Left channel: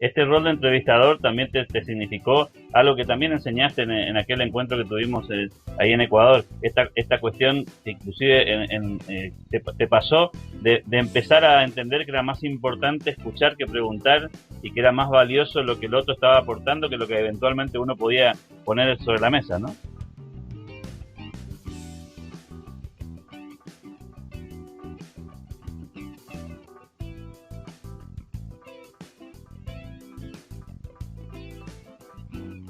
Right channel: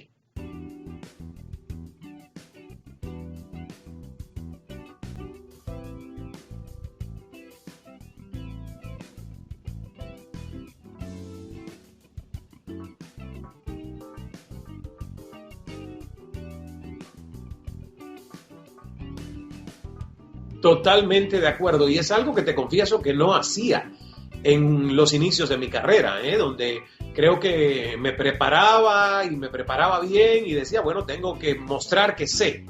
este rol de entrevistador también te significó algo que también enseñaste en aquel encuentro que tuvimos ahí en Ecuador, esta cuestión que inclusive te pasó de empezar a entender que era más importante escuchar que preguntar y que era más valioso lo que el otro estaba aportando que lo que eventualmente uno podía poner sobre la mesa, ¿no? Totalmente de acuerdo, y es algo que te confieso que no hacía en los inicios de mi carrera, donde creo que me preparaba y me preparaba bien y decía, bueno, tengo que mostrar que sé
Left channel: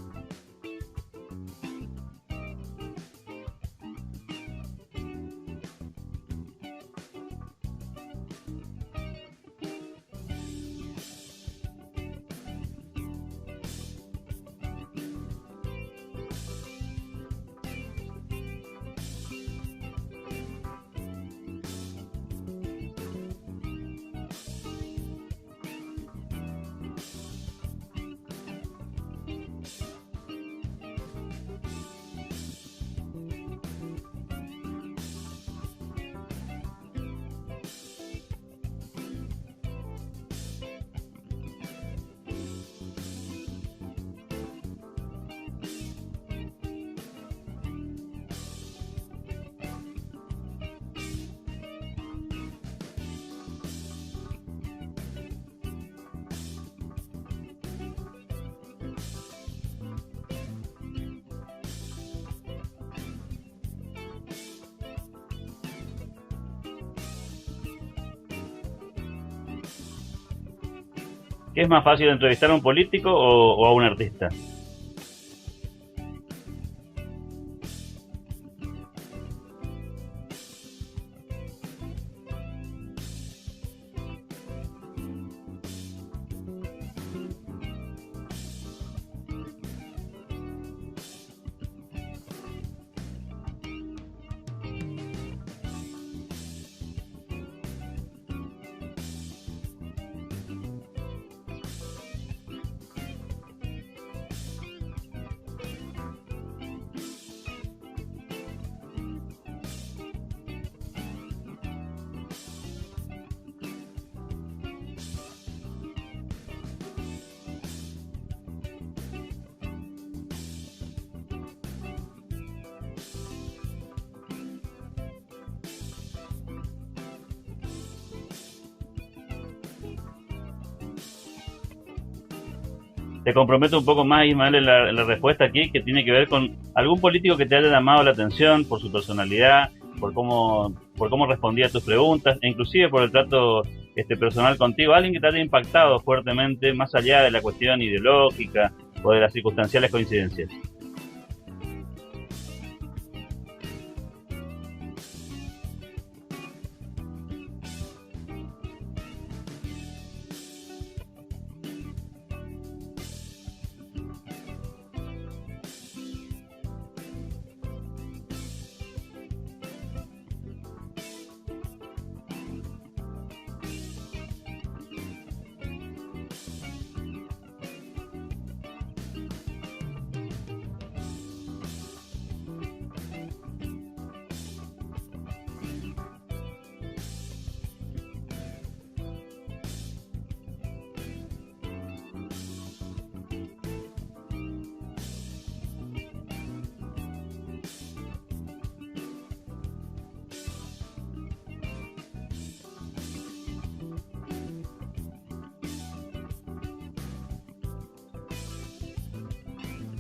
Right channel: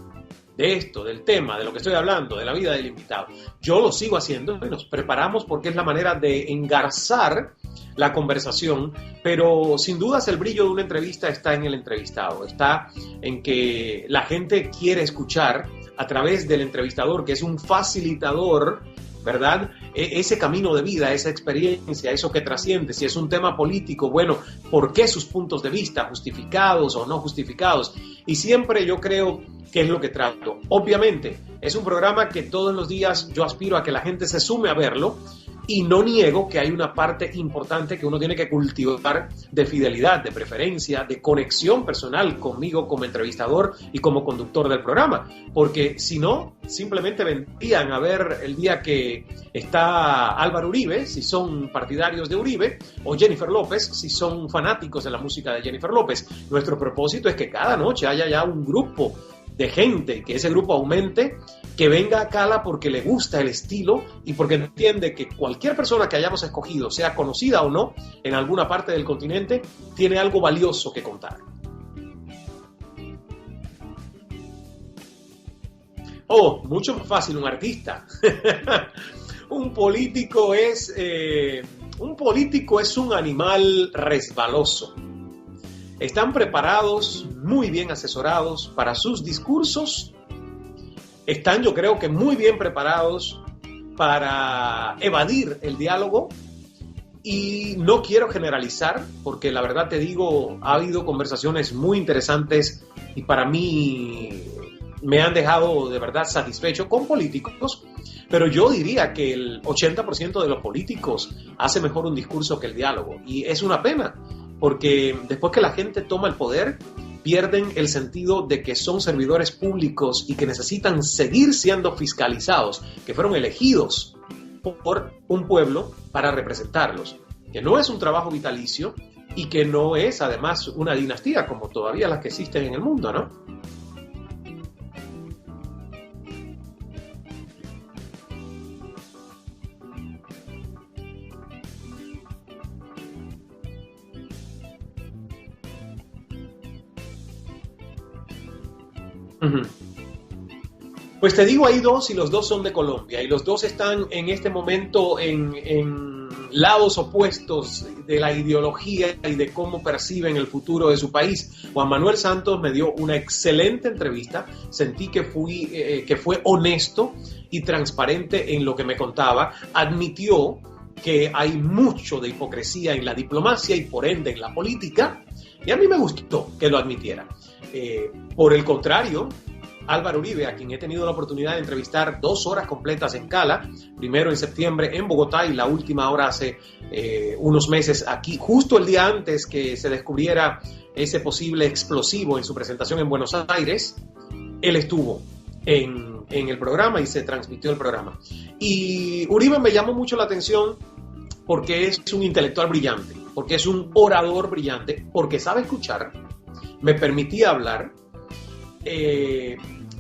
de esto, del tema, de lo que estoy hablando, de la vida del invitado. Yo lo sigo haciendo, nos preparamos porque es la manera de engarzar la conversación, pero sin dudas el brillo de una entrevista está en el entrevistado, está en que la gente quiere escuchar a través del entrevistador, que es un facilitador, ¿verdad? Ese camino de vida, esa experiencia, eso que trasciende. Si es un tema político, bueno, ¿por qué sus puntos de vista, justificados o no justificados? Y siempre yo creo que es lo que trato. Obviamente, es un programa que todos los días yo aspiro a que la gente se sume a verlo, y no niego que hay una parte importante que uno tiene que cultivar de fidelidad, de preferencia, de conexión personal conmigo como entrevistador y como conductor del programa. Porque si no, simplemente vendrían a ver el día que está Álvaro Uribe, si son partidarios de Uribe, o Jennifer López, si son fanáticos de la música de Jennifer López. Nuestro propósito es que cada noche haya ya un grupo de gente, que ese grupo aumente, que venga a Cala porque le gusta el estilo y porque entiende que cualquier persona que hayamos escogido, sea conocida o no, en alguna parte del continente, tiene algo valioso que contar. ¿Qué es más fácil, entrevistar a un político o a un artista? Oh, mucho más fácil un artista. Un político es un animal resbaloso. Están preparados, muy bien asesorados para sus discursos. Están, yo creo que muy bien preparados para evadir el diálogo. Y no quiero generalizar, porque la verdad te digo, ha habido conversaciones muy interesantes y para mí me han dejado de verdad satisfecho con políticos. Pero yo diría que el 80% de los políticos hace mejor un discurso que el diálogo. Y es una pena, porque después que la gente toma el poder, pierden el sentido de que son servidores públicos y que necesitan seguir siendo fiscalizados, que fueron elegidos por un pueblo para representarlos, que no es un trabajo vitalicio y que no es además una dinastía como todavía las que existen en el mundo, ¿no? Te comprometo un poco más, Ismael, en la respuesta aquí, que tiene que ver con algún político que te haya llamado la atención por su personalidad, por cómo respondía a tus preguntas, e inclusive por el trato personal contigo, alguien que te haya impactado fuertemente, más allá de la cuestión ideológica o de las circunstanciales coincidencias. Pues te digo, hay dos y los dos son de Colombia y los dos están en este momento en lados opuestos de la ideología y de cómo perciben el futuro de su país. Juan Manuel Santos me dio una excelente entrevista, sentí que fue honesto y transparente en lo que me contaba, admitió que hay mucho de hipocresía en la diplomacia y por ende en la política, y a mí me gustó que lo admitiera. Por el contrario, Álvaro Uribe, a quien he tenido la oportunidad de entrevistar 2 horas completas en Cala, primero en septiembre en Bogotá y la última hora hace unos meses aquí, justo el día antes que se descubriera ese posible explosivo en su presentación en Buenos Aires, él estuvo en el programa y se transmitió el programa. Y Uribe me llamó mucho la atención porque es un intelectual brillante, porque es un orador brillante, porque sabe escuchar, me permitía hablar,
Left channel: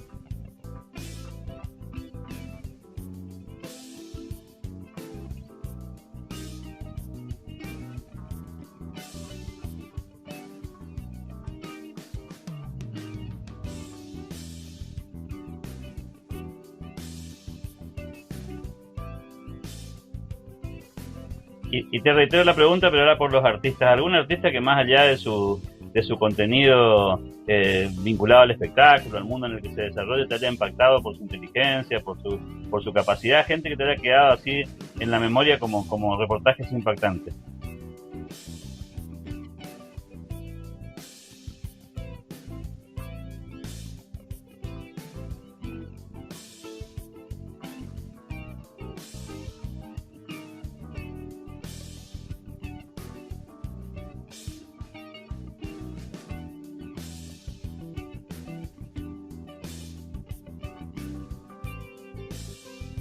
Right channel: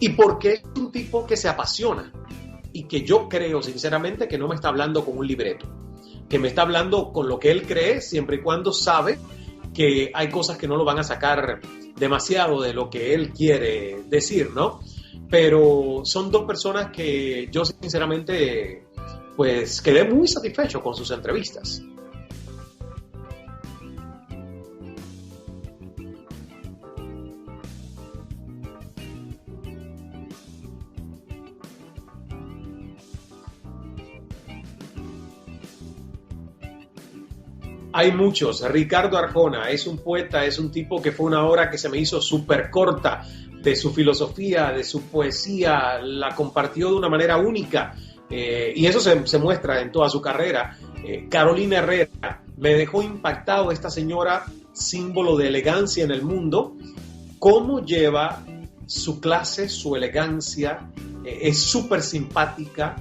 y porque es un tipo que se apasiona y que yo creo sinceramente que no me está hablando con un libreto, que me está hablando con lo que él cree, siempre y cuando sabe que hay cosas que no lo van a sacar demasiado de lo que él quiere decir, ¿no? Pero son dos personas que yo sinceramente pues quedé muy satisfecho con sus entrevistas. Y te reitero la pregunta, pero ahora por los artistas. ¿Algún artista que más allá de su contenido vinculado al espectáculo, al mundo en el que se desarrolla, te haya impactado por su inteligencia, por su capacidad? Gente que te haya quedado así en la memoria como reportajes impactantes. Hay muchos. Ricardo Arjona es un poeta, es un tipo que fue una obra que se me hizo súper corta, de su filosofía, de su poesía, la compartió de una manera única. Y eso se muestra en toda su carrera. Carolina Herrera, me dejó impactado esta señora, símbolo de elegancia en el mundo, cómo lleva su clase, su elegancia, es súper simpática,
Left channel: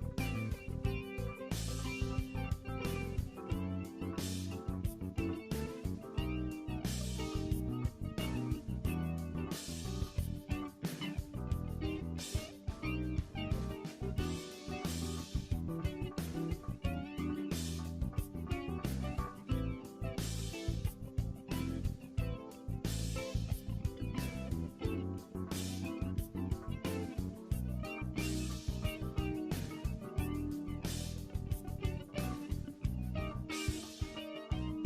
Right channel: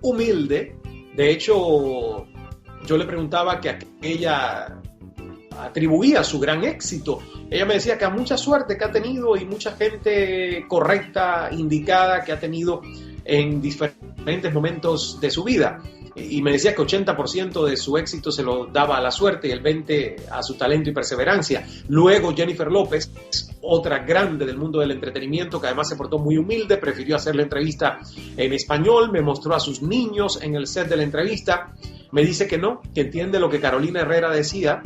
humilde. De hecho, yo le preguntaba que a ella atribuía su gran éxito. Ella me decía que a mucha suerte que ha tenido y mucha gente correcta, indicada, que ha tenido en diferentes momentos de su vida. Y me decía que 80% de su éxito se lo daba a la suerte y el 20% a su talento y perseverancia. Luego Jennifer López, otra grande del mundo del entretenimiento, que además se portó muy humilde, prefirió hacer la entrevista en español, me mostró a sus niños en el set de la entrevista, me dice que no, que entiende lo que Carolina Herrera decía,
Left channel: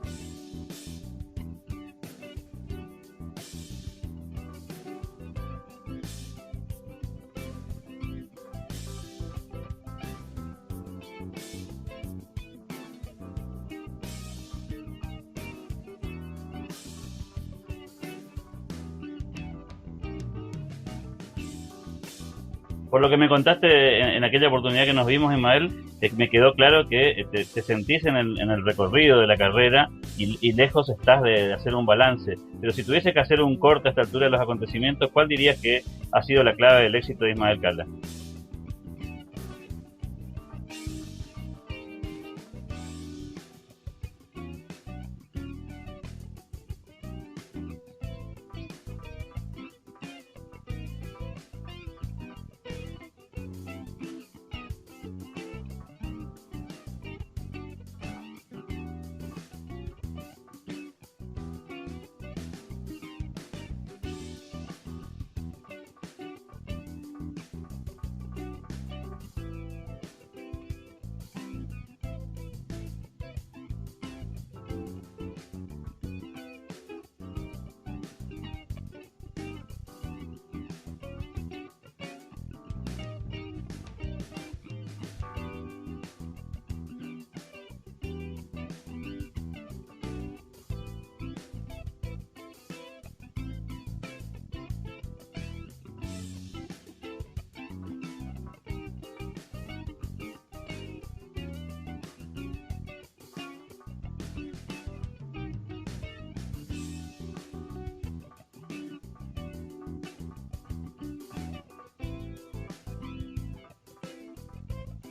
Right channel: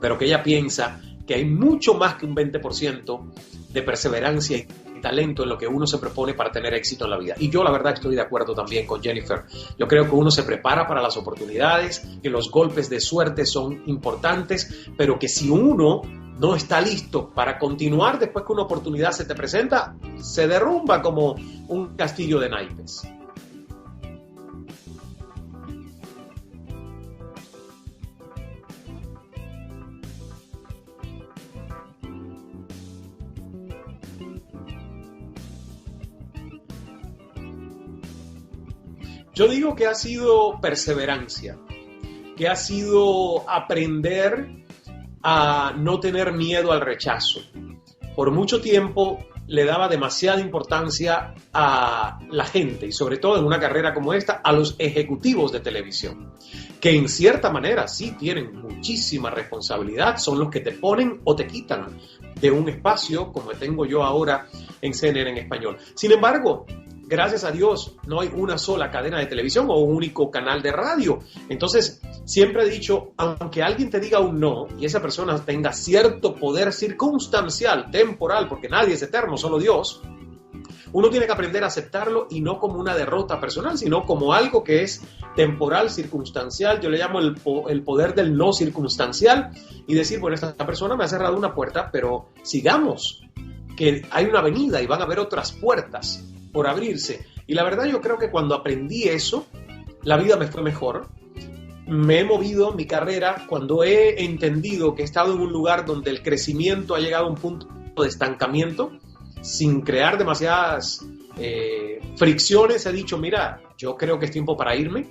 pero que ella piensa que hay mucho más que un 20% de perseverancia y talento en lo que uno se propone para tener éxito en la vida. Y yo la verdad estoy de acuerdo también con Jennifer. Yo creo que uno se prepara para las oportunidades, que los golpes de suerte son importantes, pero que si uno no está listo para continuar después que una oportunidad se te presenta, se derrumba como un castillo de naipes. Por lo que me contaste en aquella oportunidad que nos vimos, Ismael, me quedó claro que te sentís en el recorrido de la carrera y lejos estás de hacer un balance. Pero si tuviese que hacer un corte a esta altura de los acontecimientos, ¿cuál dirías que ha sido la clave del éxito de Ismael Cala? Yo digo que ha sido perseverancia, que ha sido aprender a no tener miedo al rechazo. Por mucho tiempo le daba demasiada importancia a la gente y sobre todo en una carrera como esta a los ejecutivos de televisión, que en cierta manera sí tienen muchísima responsabilidad, son los que te ponen o te quitan de un espacio como tengo yo ahora en CNN en español. Sin embargo, gracias a Dios no hay una sola cadena de televisión o un único canal de radio. Entonces siempre he dicho, aunque alguien te diga un no y esa persona tenga cierto poder circunstancial, temporal, porque nadie es eterno, solo Dios, uno tiene que aprender a aceptarlo y no como una derrota personal, sino como algo que es temporal, circunstancial. Yo le llamo el poder del no circunstancial y decir, bueno, esta persona me ha cerrado una puerta, pero sigamos, que hay una avenida y van a haber otras puertas por abrirse. Y la verdad yo creo que cuando aprendí eso, la vida me fue mejor. Me he movido mi carrera cuando he entendido que he estado en un lugar donde el crecimiento ha llegado a un punto de estancamiento, sin crear demasiadas fricciones. He dicho, mira, yo creo que es tiempo para irme,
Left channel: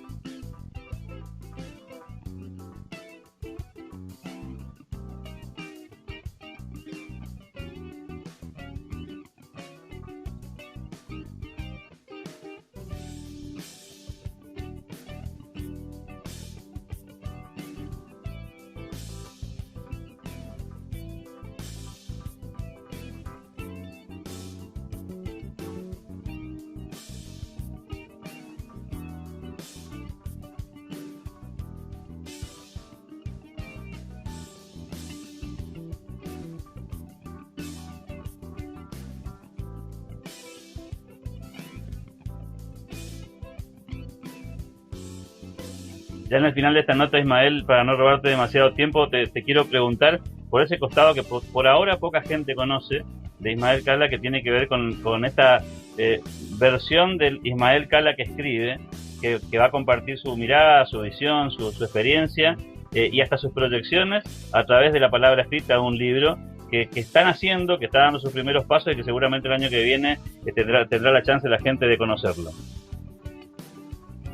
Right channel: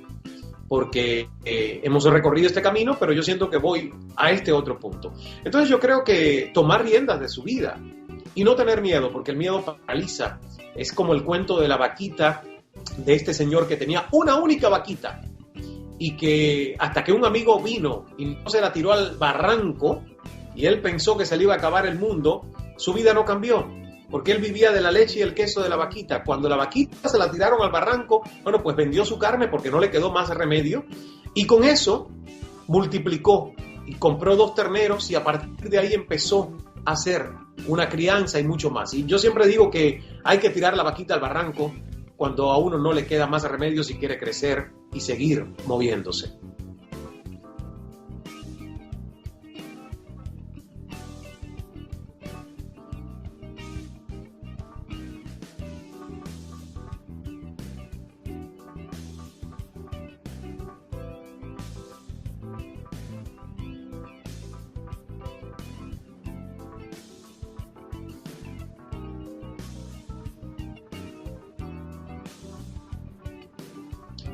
porque hemos recorrido este camino, pero yo siento que voy a este otro punto. Entonces yo creo que tomar riendas de su vida y no tener miedo, porque el miedo paraliza. Es como el cuento de la vaquita, de este señor que tenía una única vaquita y que hasta que un amigo vino y no se la tiró al barranco y él pensó que se le iba a acabar el mundo, su vida no cambió, porque él vivía de la leche y el queso de la vaquita. Cuando la vaquita se la tiraron al barranco, bueno, pues vendió su carne porque no le quedó más remedio y con eso multiplicó y compró 2 terneros y a partir de ahí empezó a hacer una crianza y mucho más. Y yo siempre digo que hay que tirar la vaquita al barranco cuando a uno no le queda más remedio si quiere crecer y seguir moviéndose. Ya en el final de esta nota, Ismael, para no robarte demasiado tiempo, te quiero preguntar por ese costado que por ahora poca gente conoce de Ismael Cala, que tiene que ver con esta versión del Ismael Cala que escribe, que va a compartir su mirada, su visión, su experiencia y hasta sus proyecciones a través de la palabra escrita de un libro que están haciendo, que está dando sus primeros pasos y que seguramente el año que viene tendrá la chance la gente de conocerlo.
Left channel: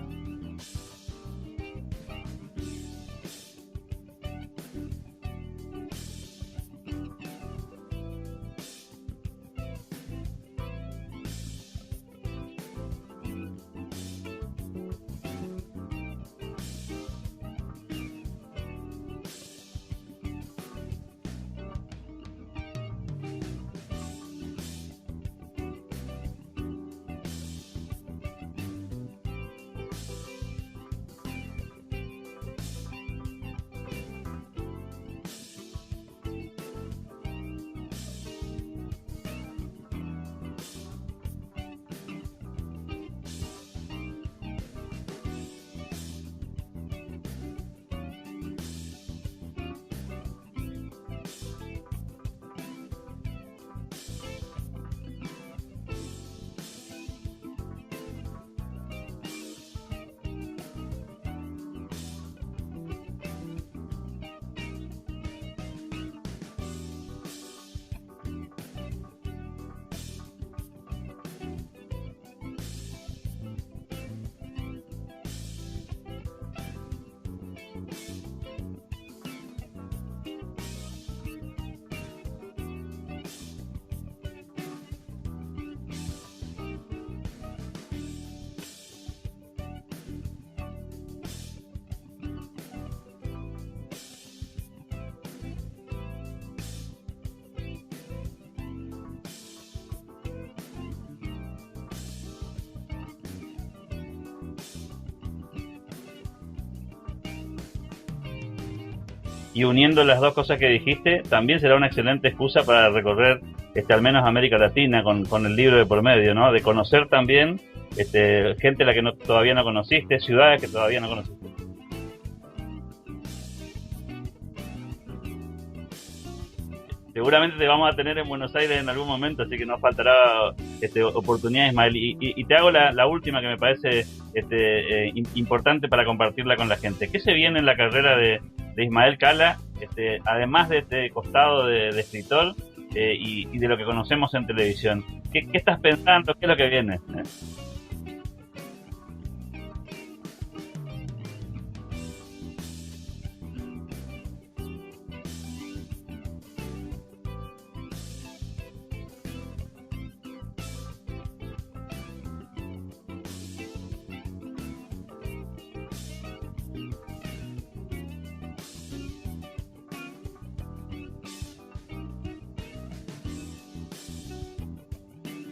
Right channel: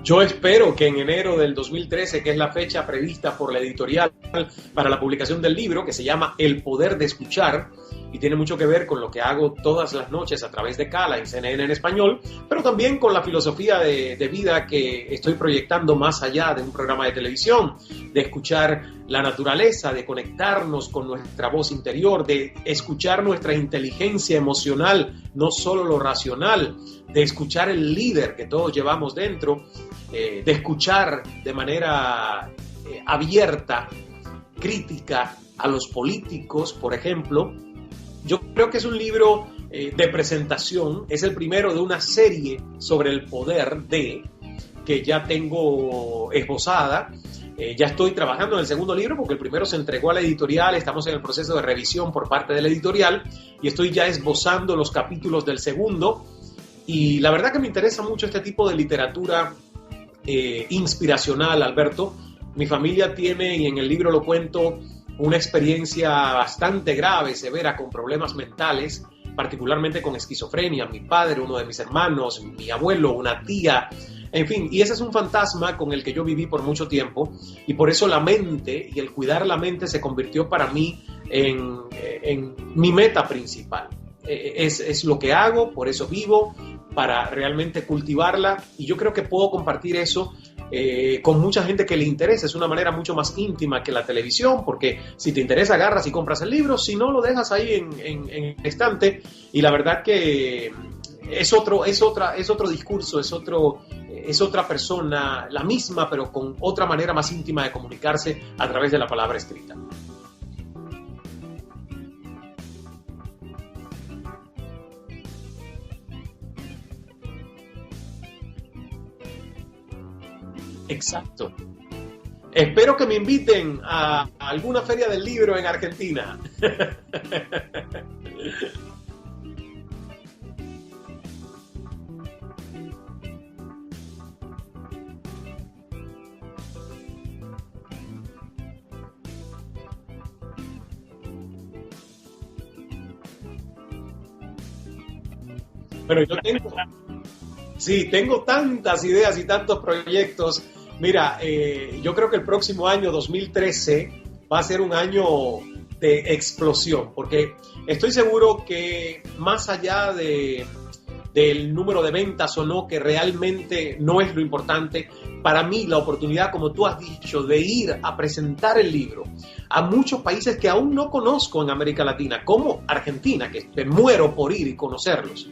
Yo espero que en enero del 2013, que es la fecha prevista por la editorial para la publicación del libro, que se llama El Poder de Escuchar, y tiene mucho que ver con lo que hago todas las noches a través de Cala en CNN en español, pero también con la filosofía de vida que estoy proyectando más allá de un programa de televisión, de escuchar la naturaleza, de conectarnos con nuestra voz interior, de escuchar nuestra inteligencia emocional, no solo lo racional, de escuchar el líder que todos llevamos dentro, de escuchar de manera abierta, crítica a los políticos, por ejemplo. Yo creo que es un libro de presentación, es el primero de una serie sobre el poder que ya tengo esbozada. Ya estoy trabajando en el segundo libro porque el primero se entregó a la editorial, estamos en el proceso de revisión por parte de la editorial y estoy ya esbozando los capítulos del segundo. Y la verdad que me interesa mucho este tipo de literatura inspiracional, Alberto. Mi familia tiene, y en el libro lo cuento, una experiencia bastante grave, severa, con problemas mentales, particularmente con esquizofrenia, mi padre, uno de mis hermanos, mi abuelo, una tía, en fin, y ese es un fantasma con el que yo viví por mucho tiempo, y por eso la mente y el cuidar la mente se convirtió para mí en mi meta principal. Es lo que hago, por eso vivo, para realmente cultivarla, y yo creo que puedo compartir eso con mucha gente que le interesa. Es una manera mucho más íntima que la televisión, porque si te interesa agarras y compras el libro, si no lo dejas ahí en el estante, y la verdad que es otro discurso, es otra persona, la misma, pero con otra manera más íntima de comunicarse a través de la palabra escrita. Y uniendo las dos cosas que dijiste, también será una excelente excusa para recorrer al menos América Latina con el libro de por medio, ¿no? De conocer también gente a la que todavía no conociste, ciudades que todavía Exacto. no conociste. Espero que me inviten a alguna feria del libro en Argentina. Seguramente te vamos a tener en Buenos Aires en algún momento, así que nos faltará oportunidad, Ismael. Y te hago la última que me parece importante para compartirla con la gente. ¿Qué se viene en la carrera de Ismael Cala, además de este costado de escritor y de lo que conocemos en televisión? ¿Qué estás pensando? ¿Qué es lo que viene? Sí, tengo tantas ideas y tantos proyectos. Mira, yo creo que el próximo año, 2013, va a ser un año de explosión, porque estoy seguro que más allá del número de ventas o no, que realmente no es lo importante, para mí la oportunidad, como tú has dicho, de ir a presentar el libro a muchos países que aún no conozco en América Latina, como Argentina, que me muero por ir y conocerlos.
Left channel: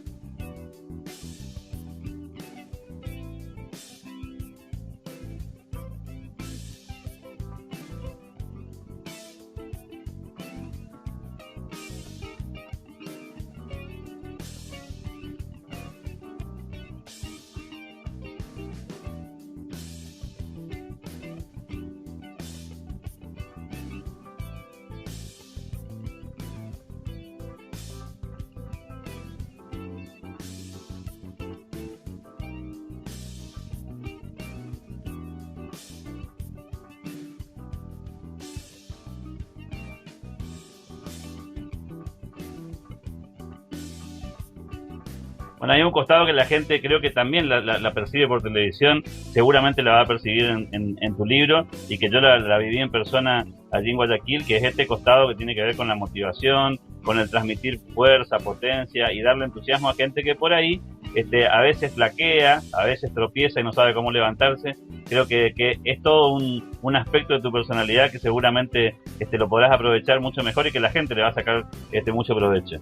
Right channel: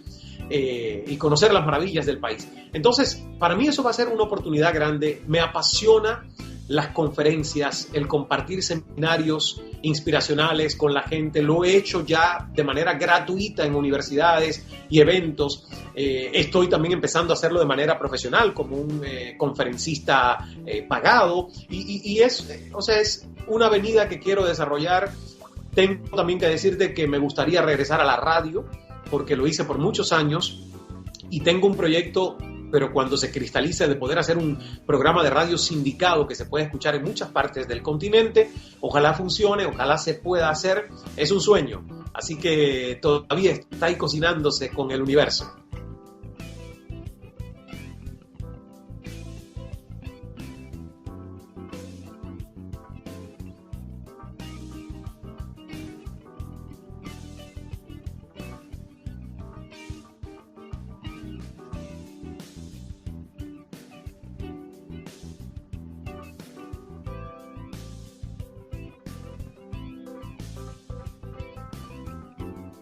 Y conocer las maravillas del país. Entonces, para mí eso va a ser una oportunidad grande. Me apasiona las conferencias, el compartir seminarios inspiracionales con la gente. Lo he hecho ya de manera gratuita en universidades y eventos. Estoy también empezando a hacerlo de manera profesional como un conferencista pagado y es una avenida que quiero desarrollar. Tengo también que decirte que me gustaría regresar a la radio, porque lo hice por muchos años y tengo un proyecto, pero cuando se cristalice, de poder hacer un programa de radio sindicado que se puede escuchar en muchas partes del continente. Ojalá funcione, ojalá se pueda hacer. Es un sueño, así que todavía está ahí cocinándose con el universo. Bueno, hay un costado que la gente creo que también la percibe por televisión, seguramente la va a percibir en tu libro, y que yo la viví en persona allí en Guayaquil, que es este costado que tiene que ver con la motivación, con el transmitir fuerza, potencia y darle entusiasmo a gente que por ahí a veces flaquea, a veces tropieza y no sabe cómo levantarse. Creo que es todo un aspecto de tu personalidad que seguramente lo podrás aprovechar mucho mejor y que la gente le va a sacar mucho provecho.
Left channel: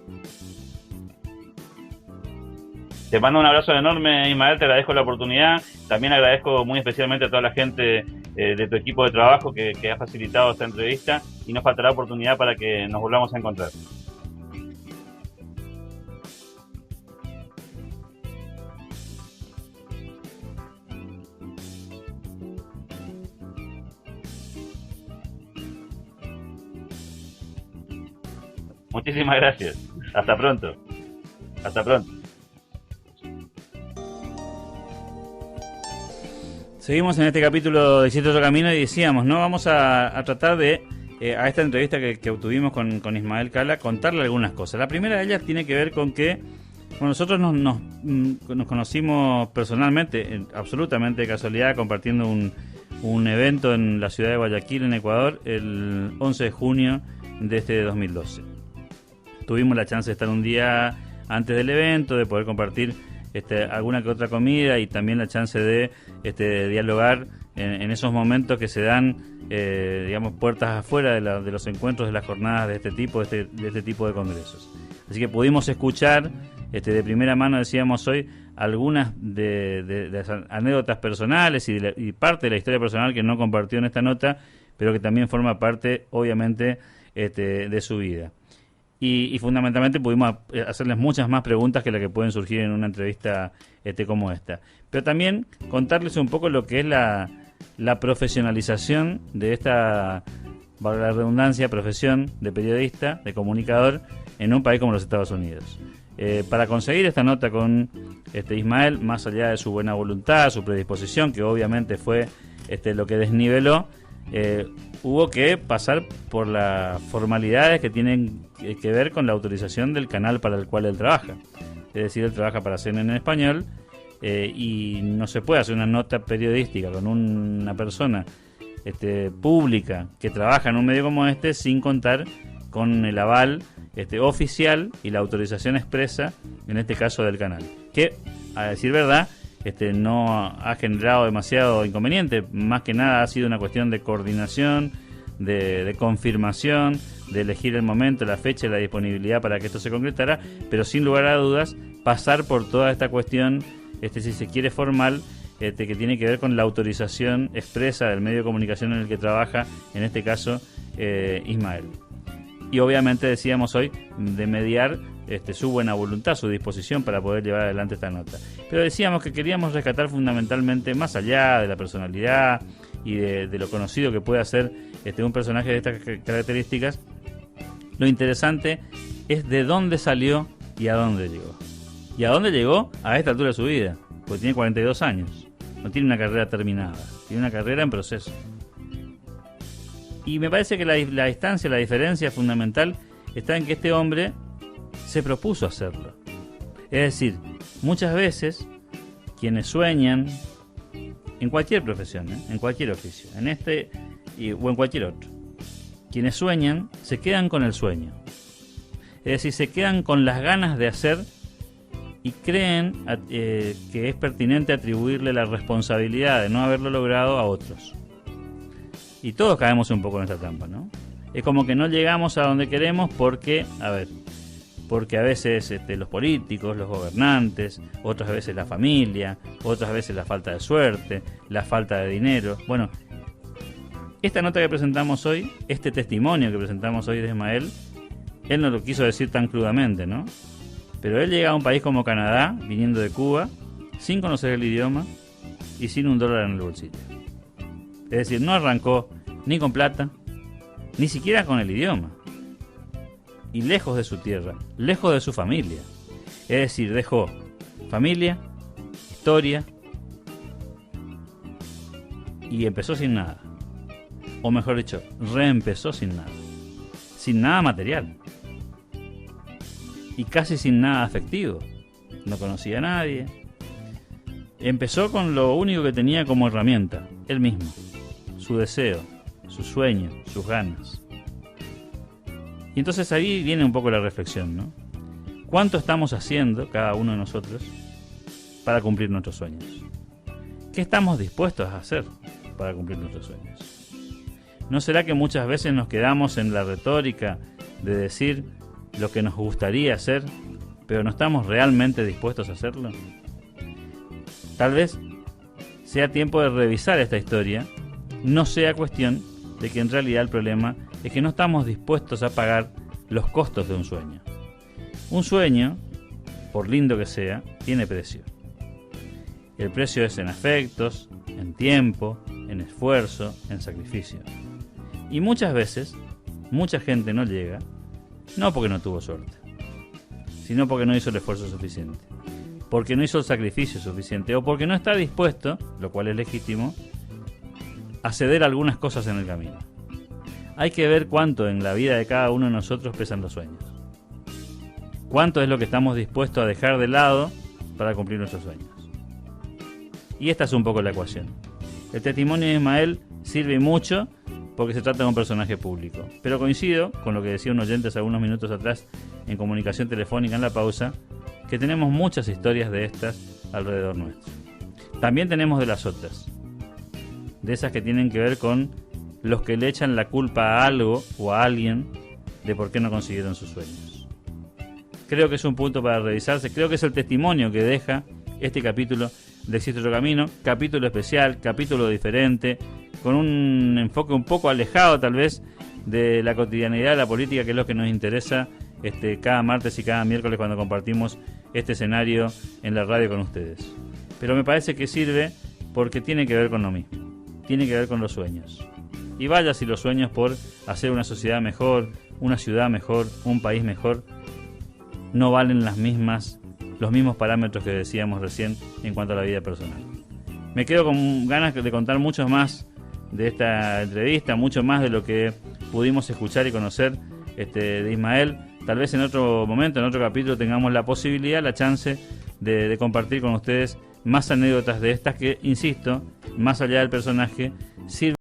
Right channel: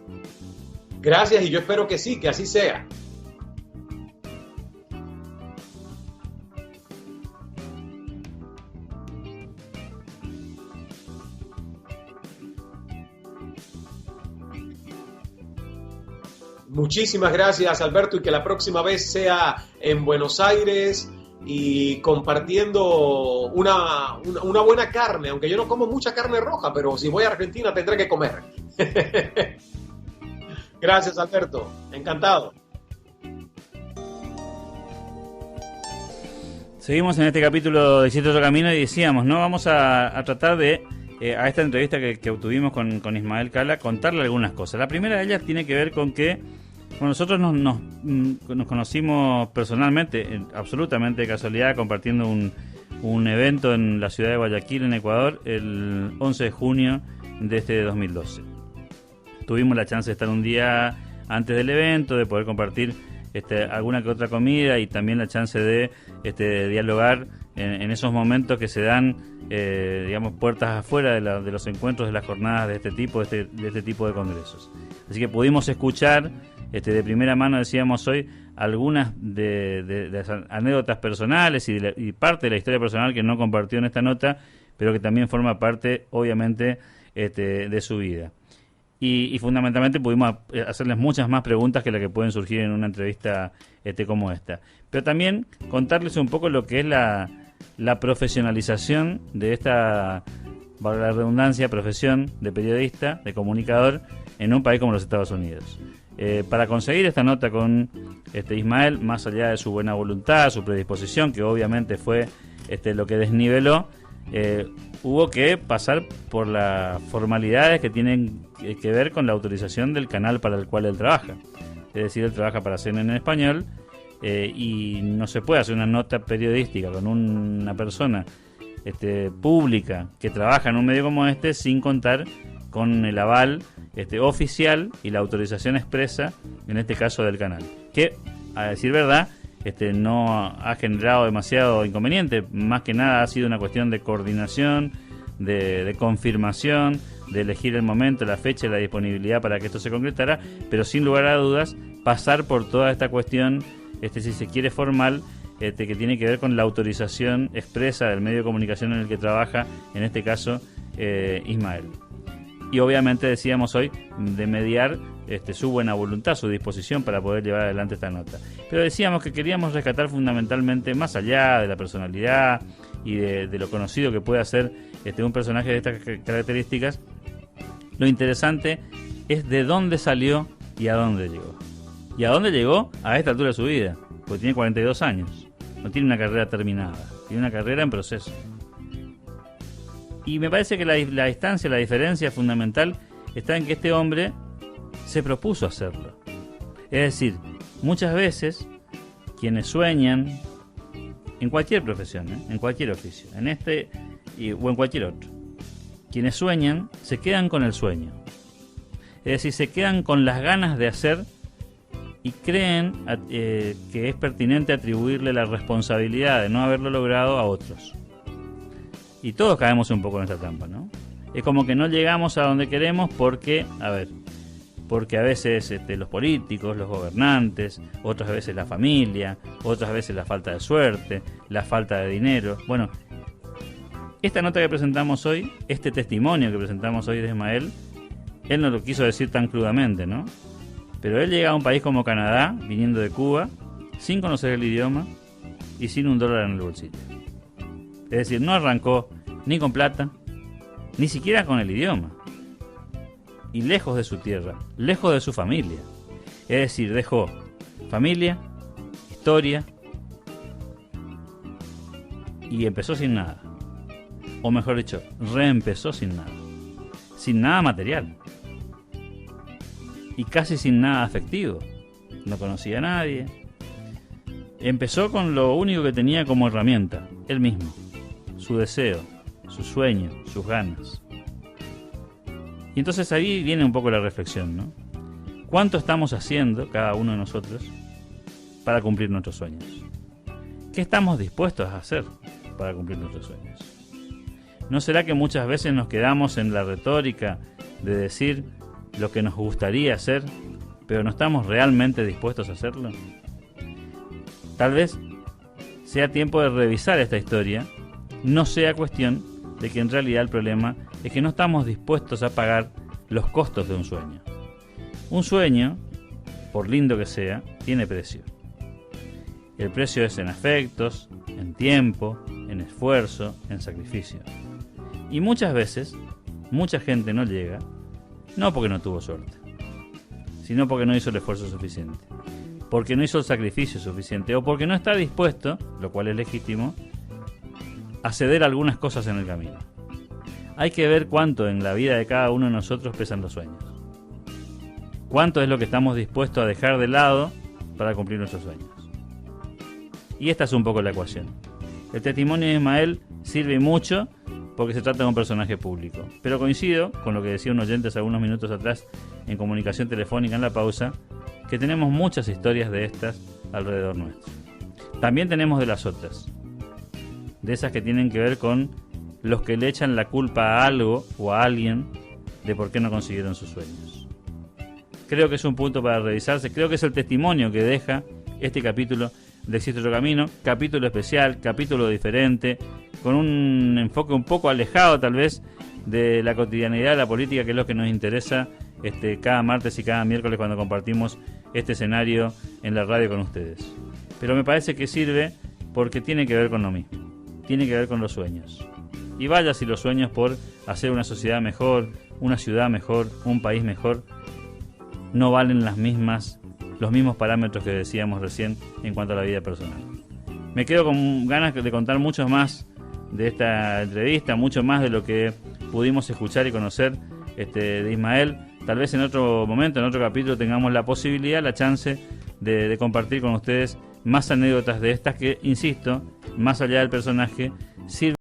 Gracias, y yo espero que sí, que así sea. Te mando un abrazo enorme, Ismael, te agradezco la oportunidad. También agradezco muy especialmente a toda la gente de tu equipo de trabajo que ha facilitado esta entrevista, y nos faltará oportunidad para que nos volvamos a encontrar. Muchísimas gracias, Alberto, y que la próxima vez sea en Buenos Aires y compartiendo una buena carne, aunque yo no como mucha carne roja, pero si voy a Argentina tendré que comer. Muchísimas gracias. Hasta pronto. Gracias, Alberto. Hasta pronto. Encantado. Seguimos en este capítulo de Siete Otro Camino y decíamos, ¿no? Vamos a tratar de, a esta entrevista que obtuvimos con Ismael Cala, contarle algunas cosas. La primera de ellas tiene que ver con que nosotros nos conocimos personalmente, absolutamente de casualidad, compartiendo un evento en la ciudad de Guayaquil, en Ecuador, el 11 de junio de este 2012. Tuvimos la chance de estar un día antes del evento, de poder compartir alguna que otra comida, y también la chance de dialogar en esos momentos que se dan, digamos, puertas afuera de los encuentros, de las jornadas de este tipo de congresos. Así que pudimos escuchar de primera mano, decíamos hoy, algunas de las anécdotas personales y parte de la historia personal que no compartió en esta nota, pero que también forma parte, obviamente, de su vida. Y fundamentalmente pudimos hacerles muchas más preguntas que las que pueden surgir en una entrevista como esta. Pero también contarles un poco lo que es la profesionalización de esta, valga la redundancia, profesión de periodista, de comunicador, en un país como los Estados Unidos. Para conseguir esta nota con Ismael, más allá de su buena voluntad, su predisposición, que obviamente fue lo que desniveló, hubo que pasar por las formalidades que tienen que ver con la autorización del canal para el cual él trabaja. Es decir, él trabaja para CNN en español, y no se puede hacer una nota periodística con una persona pública que trabaja en un medio como este sin contar con el aval oficial y la autorización expresa, en este caso del canal, que, a decir verdad, no ha generado demasiado inconveniente. Más que nada ha sido una cuestión de coordinación, de confirmación, de elegir el momento, la fecha y la disponibilidad para que esto se concretara, pero sin lugar a dudas pasar por toda esta cuestión, si se quiere, formal, que tiene que ver con la autorización expresa del medio de comunicación en el que trabaja, en este caso Ismael. Y obviamente, decíamos hoy, de mediar su buena voluntad, su disposición para poder llevar adelante esta nota. Pero decíamos que queríamos rescatar fundamentalmente, más allá de la personalidad y de lo conocido que puede ser un personaje de estas características, lo interesante es de dónde salió y a dónde llegó. ¿Y a dónde llegó a esta altura de su vida? Porque tiene 42 años. No tiene una carrera terminada. Tiene una carrera en proceso. Y me parece que la distancia, la diferencia fundamental está en que este hombre se propuso hacerlo. Es decir, muchas veces quienes sueñan, en cualquier profesión, en cualquier oficio, o en cualquier otro, quienes sueñan se quedan con el sueño. Es decir, se quedan con las ganas de hacer y creen que es pertinente atribuirle la responsabilidad de no haberlo logrado a otros. Y todos caemos un poco en esta trampa, ¿no? Es como que no llegamos a donde queremos porque a veces los políticos, los gobernantes, otras veces la familia, otras veces la falta de suerte, la falta de dinero. Bueno, esta nota que presentamos hoy, este testimonio que presentamos hoy de Ismael, él no lo quiso decir tan crudamente, ¿no? Pero él llega a un país como Canadá, viniendo de Cuba, sin conocer el idioma y sin $1 en el bolsillo. Es decir, no arrancó ni con plata, ni siquiera con el idioma. Y lejos de su tierra, lejos de su familia. Es decir, dejó familia, historia, y empezó sin nada. O mejor dicho, reempezó sin nada. Sin nada material. Y casi sin nada afectivo. No conocía a nadie. Empezó con lo único que tenía como herramienta, él mismo. Su deseo, su sueño, sus ganas. Y entonces ahí viene un poco la reflexión, ¿no? ¿Cuánto estamos haciendo, cada uno de nosotros, para cumplir nuestros sueños? ¿Qué estamos dispuestos a hacer para cumplir nuestros sueños? ¿No será que muchas veces nos quedamos en la retórica de decir lo que nos gustaría hacer, pero no estamos realmente dispuestos a hacerlo? Tal vez sea tiempo de revisar esta historia, no sea cuestión de que en realidad el problema es que no estamos dispuestos a pagar los costos de un sueño. Un sueño, por lindo que sea, tiene precio. El precio es en afectos, en tiempo, en esfuerzo, en sacrificio. Y muchas veces, mucha gente no llega, no porque no tuvo suerte, sino porque no hizo el esfuerzo suficiente, porque no hizo el sacrificio suficiente, o porque no está dispuesto, lo cual es legítimo, a ceder algunas cosas en el camino. Hay que ver cuánto en la vida de cada uno de nosotros pesan los sueños. Cuánto es lo que estamos dispuestos a dejar de lado para cumplir nuestros sueños. Y esta es un poco la ecuación. El testimonio de Ismael sirve mucho porque se trata de un personaje público. Pero coincido con lo que decía un oyente hace algunos minutos atrás en comunicación telefónica en la pausa, que tenemos muchas historias de estas alrededor nuestro. También tenemos de las otras, de esas que tienen que ver con los que le echan la culpa a algo o a alguien de por qué no consiguieron sus sueños. Creo que es un punto para revisarse, creo que es el testimonio que deja este capítulo de Existe Otro Camino, capítulo especial, capítulo diferente, con un enfoque un poco alejado tal vez de la cotidianidad de la política, que es lo que nos interesa cada martes y cada miércoles cuando compartimos este escenario en la radio con ustedes. Pero me parece que sirve porque tiene que ver con lo mismo, tiene que ver con los sueños. Y vaya si los sueños por hacer una sociedad mejor, una ciudad mejor, un país mejor, no valen los mismos parámetros que decíamos recién en cuanto a la vida personal. Me quedo con ganas de contar muchos más de esta entrevista, mucho más de lo que pudimos escuchar y conocer de Ismael. Tal vez en otro momento, en otro capítulo, tengamos la posibilidad, la chance de compartir con ustedes más anécdotas de estas que, insisto, más allá del personaje, sirven